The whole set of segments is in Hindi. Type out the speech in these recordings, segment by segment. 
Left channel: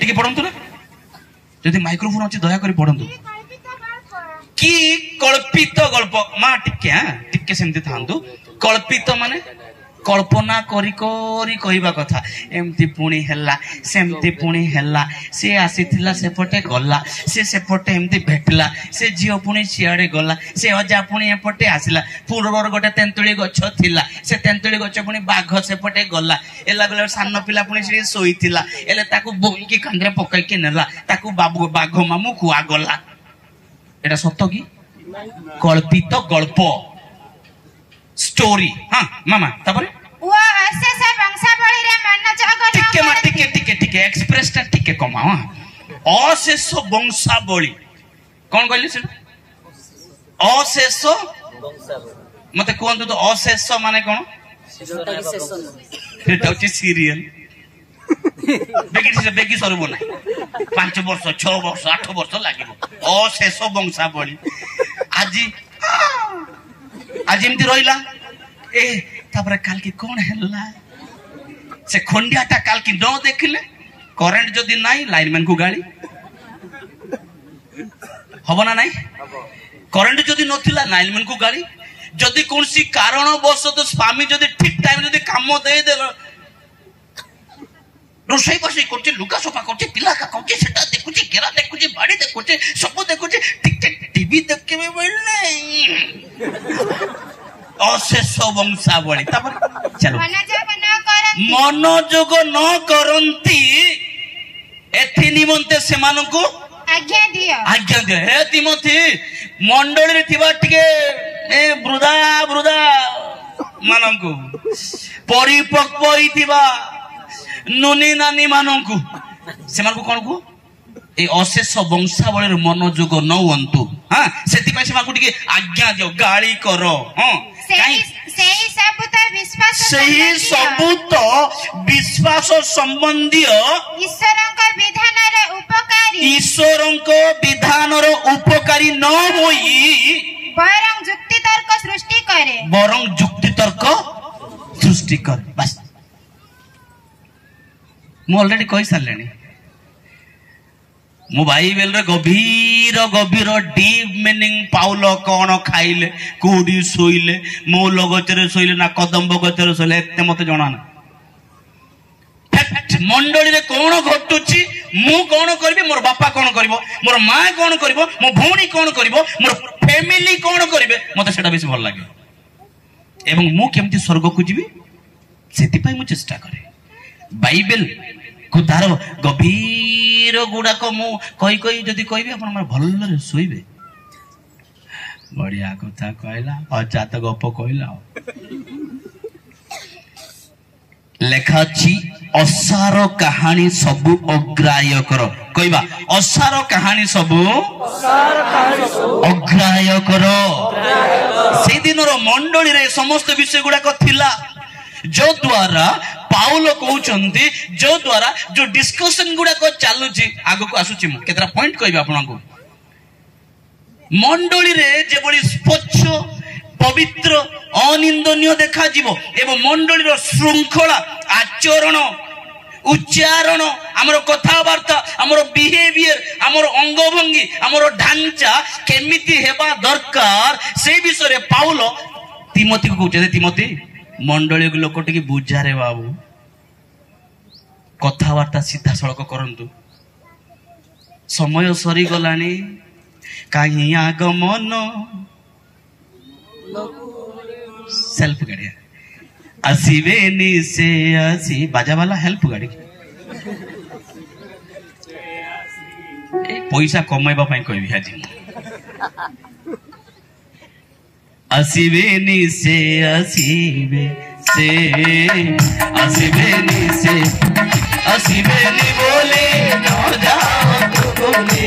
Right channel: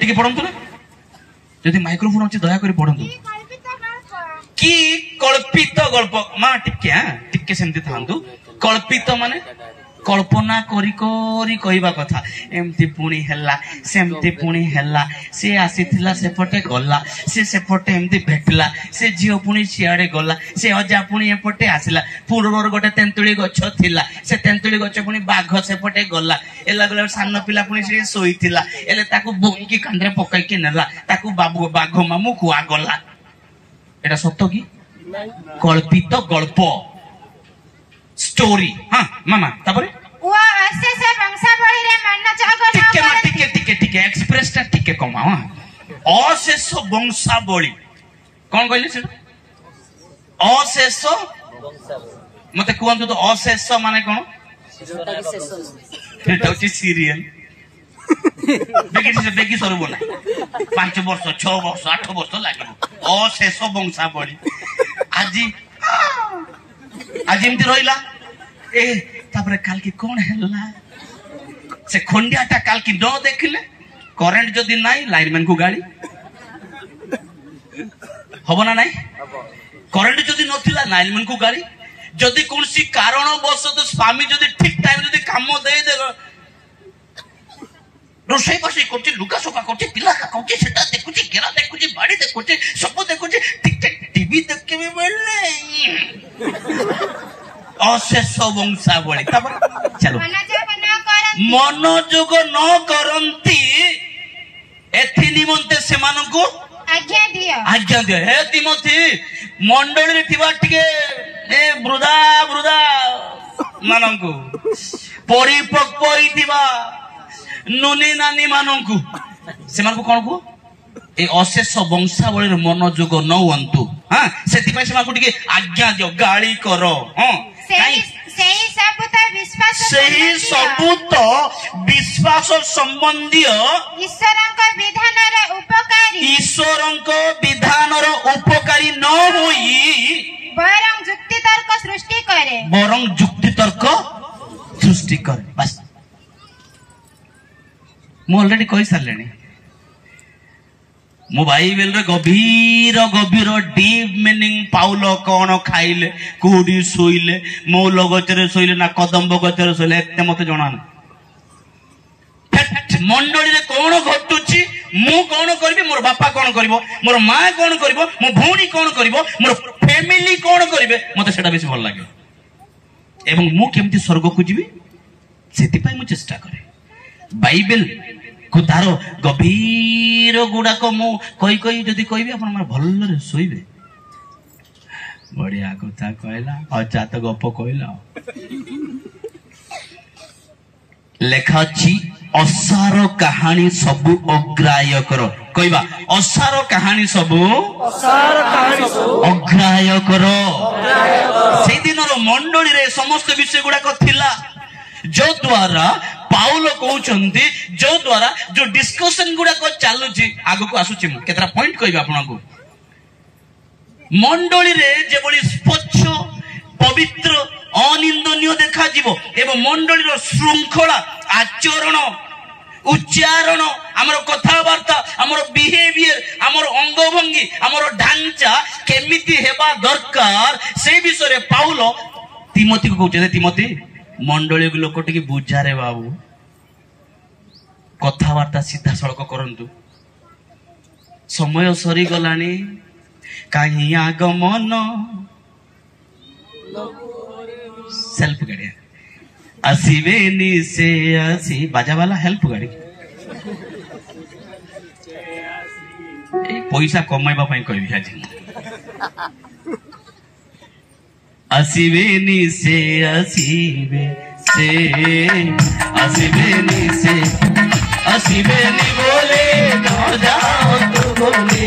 टिके पढ़ंतु ना जदि माइक्रोफोन अछि दया करी पढ़ंतु कि कल्पित गल्प मां टिके सेमती थांतु कल्पित माने कल्पना करी करी कहवा कथा एमती पुणी हैला सेमती पुणी हैला से आसीथिला सेपटे गला से सेपटे एमती भेटला से झियो पुणी सियाड़े गला से अजा पुणी एपटे आसिला पूर्वर गोटे तेंतुली गछ थिला से तेंतुली गछ पुणी बाघ सेपटे गला एला गला सान पिला पुणी से सोईथिला एले ताकू बोईकी कांदरे पकाई के नेला ताकू बाघ मामू खुआ गला एटा सत्य की कल्पित गल्प स्टोरी हाँ मामा तापरे वो अशेष वंशावली रे मन जग टिके एक्सप्रेस ता टिके कमाओ अशेष वंशावली कौन कहले से अशेष मते कहंतु तो अशेष माने कोन फिर तो सीरियल बेगी सर बोला 5 वर्ष 6 वर्ष 8 वर्ष लागिबो अशेष वंशावली आज एमती रहिला ए तापर काल की कौन हैला से खंडियाटा काल की न देखिले करेंट जदि नाही लाइनमैन को गाड़ी हबो ना नाही करेंट जदि नथिला लाइनमैन को गाड़ी जदि कोनसी कारण बस तो स्वामी जदि ठीक टाइम जदि काम दे देलो रोषे बसी करछि लुका सोका करछि पिला का करछि सेटा देखुछि गेरा देखुछि बाड़ी देखुछि सब देखुछि टिक टिक टीवी देख के बेलने अशेष वंशावली चलो मनोजोग न करंती एथि निमंते सेमानकु आज्ञा दियो हे तिमोथी मंडली रे थिबा टिके ए वृद्धा मानकु परिपक्व होइथिबा नुनी नानी मानकु सेमानकु कोन को ए अशेष वंशावली रे मनोजोग न हुंतु हां सेति पय सेमानकु टिके आज्ञा दियो गाली करो हां सही सबूत विश्वास संबंधी ईश्वर विधान उपकारी न होई बरं जुक्ति तर्क सृष्टि करे बस मु ऑलरेडी कहि सारलेनी मो बाइबल रे गभीर डीप मीनिंग पाउल कौन खाइले कोडी सोइले मौल गचरे सोइले ना कदम्ब गचरे सोइले एते मते जणा ना मंडली रे कौन घटुची मु कौन करबी मोर बापा कौन करबो मोर मां कौन करबो मो भौणी कौन करबो मोर फैमिली कौन करबे मते सेटा बेसी भल लागे एवं मु केमती स्वर्ग को जीवी सेति पय मु चेष्टा करे बाइबल को तार गभीर गुड़ाक मु कही कही जदि कहबी आपण हमर भल्लरे सोइबे बढ़िया कथा कहला अजात गप कहला लेखा छी असार कहानी सबु अग्राह्य करो कहबा असार कहानी सबु अग्राह्य करो से दिन रो मंडली रे समस्त विषय गुडा को थिला जो द्वारा पाउल कहउचंती जो द्वारा जो डिस्कशन गुडा को चालुची आगो को आसुची मु केतरा पॉइंट कहबी आपन को मंडली रे जेबडी स्वच्छ पवित्र अनिंदनीय देखा जीवो एवं मंडली रो श्रृंखला आचरण उच्चारण हमर कथावार्ता हमर बिहेवियर हमर अंगभंगी हमर ढांचा केमिति हेबा दरकार से विषय रे पाउल तिमोथी को कहउचे तिमोथी मंडली लोक टिके बुझा रे बाबू कथावार्ता सीधा सड़क करंतु समय सरी गलानी कहीं आगमन सेल्फ गाड़ी आसीबे नी से आसी बाजा वाला हेल्प गाड़ी पैसा कमाइबा पई कहबी आज आसीबे नी से आसीबे नी बोले न जाओ तू बोले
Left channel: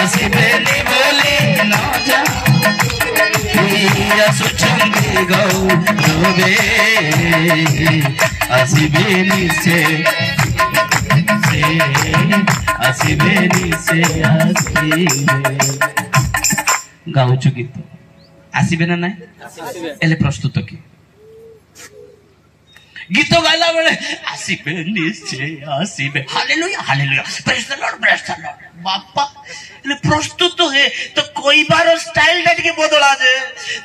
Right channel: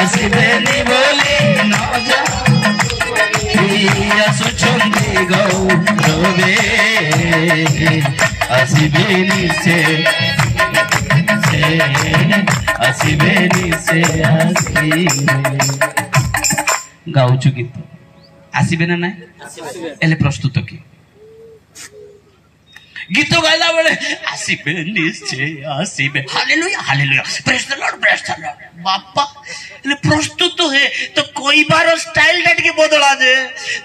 आसीबे नी बोले न जाओ सुचंदी गौ रोबे आसीबे नी से गाउछु गीत आसीबे ना ना एले प्रस्तुत की गीत गाइला बेले आसीबे निश्चय आसीबे hallelujah hallelujah praise the lord बापा प्रस्तुत है तो कहबार स्टाइल टा टिके बदला जे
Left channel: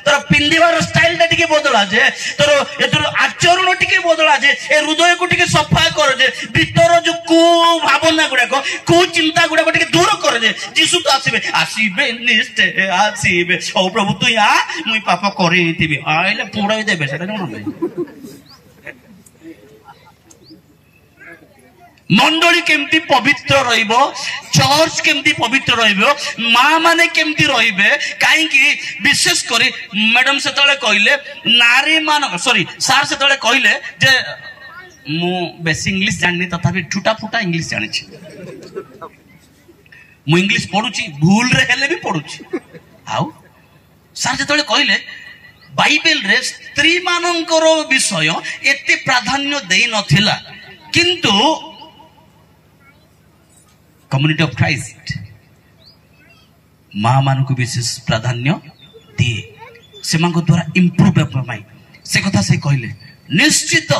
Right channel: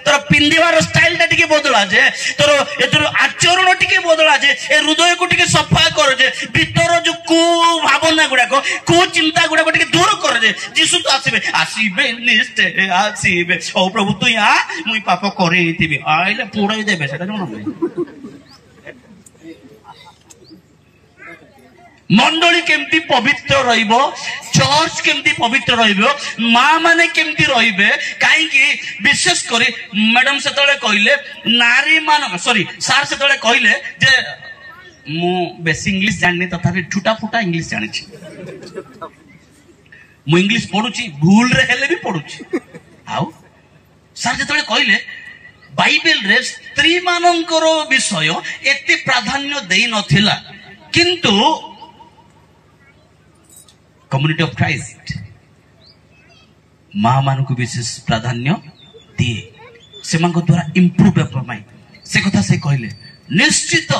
तोर पिंदिबार स्टाइल टा टिके बदला जे तोर एतुर आचरण टिके बदला जे ए हृदय को टिके सफा कर जे भीतर जो को भावना गुडा को चिंता गुडा टिके दूर कर जे यीशु तो आसीबे आसीबे निश्चय आसीबे ओ प्रभु तू आ मुई पाप करैथिबे आइले पुड़ाई देबे सेटा जणो मंडली केमती पवित्र रहिबो चर्च केमती पवित्र रहिबो मां माने केमती रहिबे काहेकि विशेष करी मैडम सेतले कहले नारी मान सॉरी सार सेतले कहले जे मु बेस इंग्लिश जाननी तथापि ठुटा फुटा इंग्लिश जानि छी मु इंग्लिश पढुची भूल रे हेले भी पढुची आउ सार सेतले कहले बाइबल रे स्त्री मानकर विषय एते प्राधान्य देई नथिला किंतु कम्युनिटी ऑफ क्राइस्ट मां मान को विशेष प्राधान्य दिए से द्वारा इम्प्रूव से कथा से कहले निश्चित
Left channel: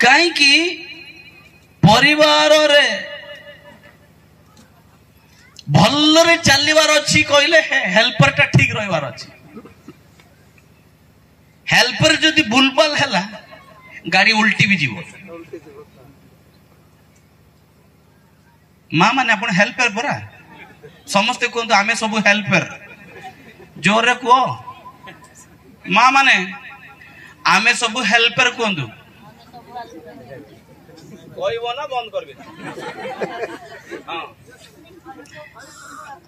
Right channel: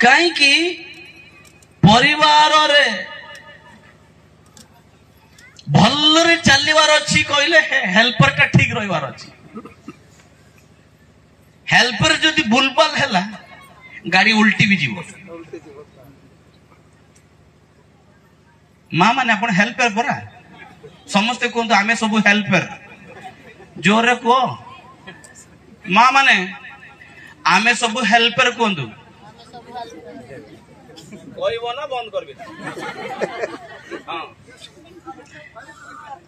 कहीं परिवार रे भल्लरे चलिवार अच्छी कहले हेल्पर टा ठीक रहिवार अच्छी हेल्पर जदि भूलभाल हैला गाड़ी उल्टी भी जीव मां माने अपन हेल्पर परा समस्ते कहते आमे सब हेल्पर जोरे को मां माने आमे सब हेल्पर कहतु कहबो ना बंद करबे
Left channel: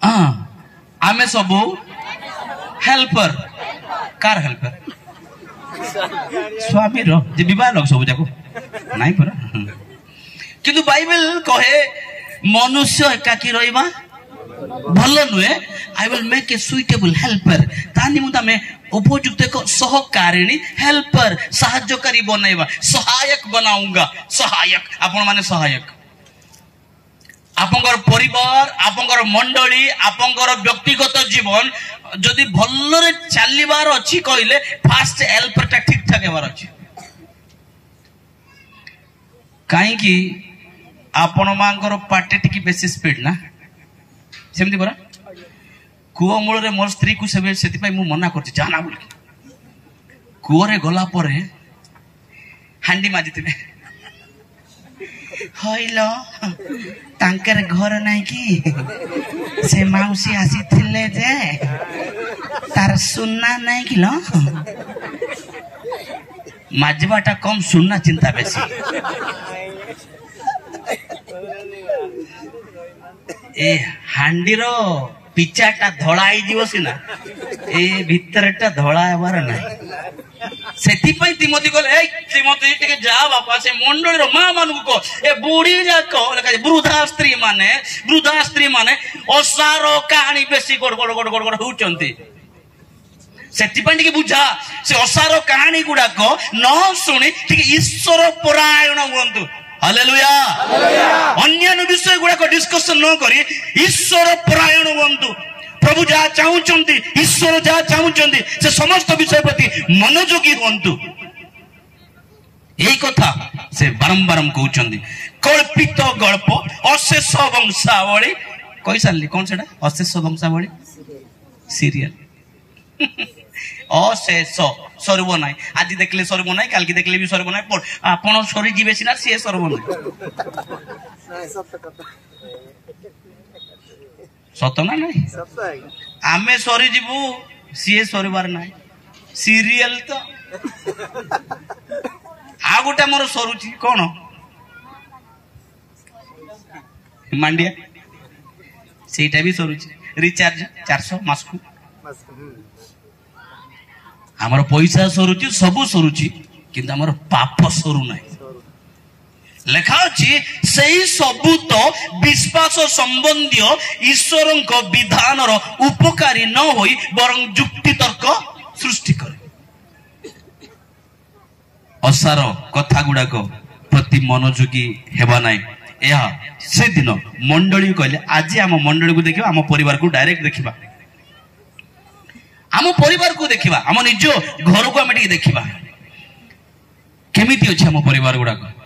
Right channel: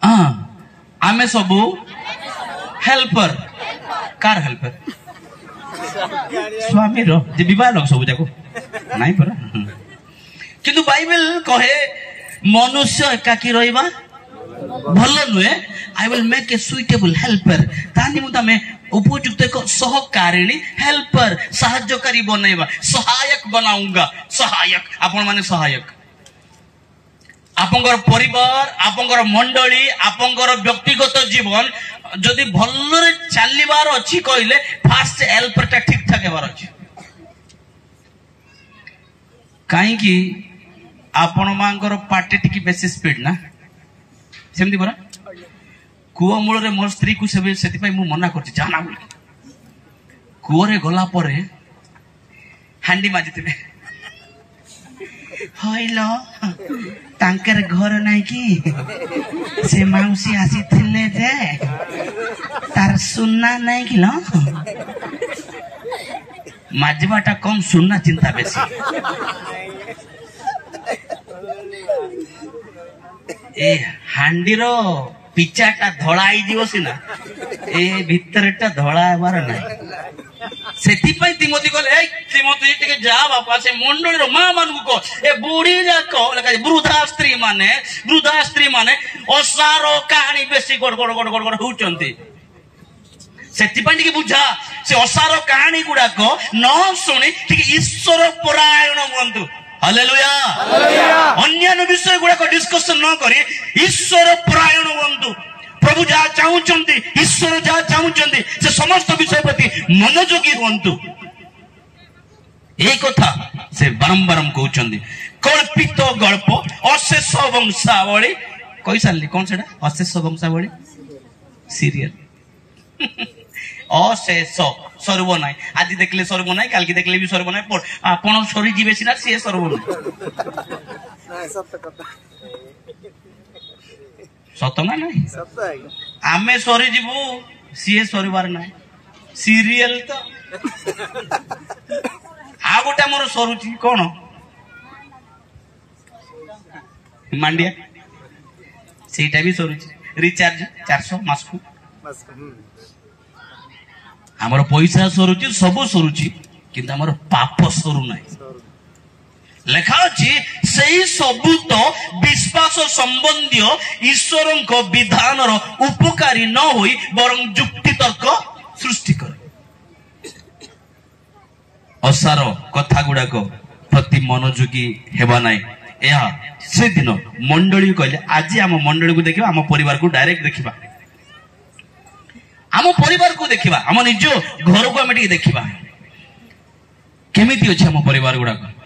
हां आमे सब हेल्पर कार हेल्पर स्वामी रो जे विवाह लोग सब जाको नहीं परा किंतु बाइबल कहे मनुष्य एकाकी रहिबा भल नुहे I will make a suitable helper तानि मुता में उपयुक्त एक सहकारिणी हेल्पर सहायकारी बनैबा सहायक बनाऊंगा सहायक आपण माने सहायक आपंकर परिवार आपंकर मंडली आपंकर व्यक्तिगत जीवन जदि भल्लरे चलिबार अछि कहले फास्ट हेल्पर टा ठीक ठाक हेबार अछि काहे कि आपण मांगर पाटे टिकी बेसी स्पीड ना सेमती परा कुओ मूल रे मोर स्त्री को सेति पई मु मना करछि जाना बोल कुओ रे गला परे हांडी माजितिबे हइलो तांकर घर नाही की से माउसी आसीथिले जे तार सुनना नाही कि लो माजबाटा कम सुनना चिंता बेसी ए हांडीर पिचाटा धड़ा आई जीव सीना ए भितरटा धड़ा हेबार ना सेति पई तिमोथी कहले ए तिमोथी टिके जा बापा से मंडलीर मां मानू को ए बूढ़ी जाको लगा वृद्धा स्त्री माने ओसार कहानी बेसी गड़ गड़ गड़ गड़ गड़ होचंती सेति पई टिके बुझा से ओसार कहानी गुडा को न सुनी टिके ईश्वर परायण हुंतु हालेलुया अन्य विषय गुड़ा को डिस्कशन न करी ईश्वर परायण हुंतु प्रभु जहाँ चाहूचंती ईश्वर जहाँ चाहूचंती से समस्त विषय प्रति मनोयोगी हुंतु एक कथा से बारंबार कहउचंती कल्पित गल्प अशेष वंशावली कहि सारली कौन सेटा अशेष वंशावली सीरियल अशेष सर्व ना आज देखले सर्व ना काल की देखले भी सर्व ना आपण सरी जीवे सिना से सर्व ना सत ना नहीं आमे सरी जीवु सी सरीबार ना सीरियल तो आ गोटे मोर सरुची कौन मांडिया सेटा भी सरुची रिचार्ज 400 मास को आमर पैसा सरुची सब सरुची किंतु आमर पाप सरू ना लेखा अच्छी सही सबू तो विश्वास संबंधी ईश्वर विधान उपकारी न होई बरं जुक्ति तर्क सृष्टि करे असार कथा गुड़ाक प्रति मनोयोगी हेबा नाई यह से दिन मंडली कहले आज आम मंडली को देखिबा आम परिवार को डायरेक्ट देखिबा आम परिवार को देखा आम निज घर को आम देखा केमिति अच्छे आम परिवार गुड़ाक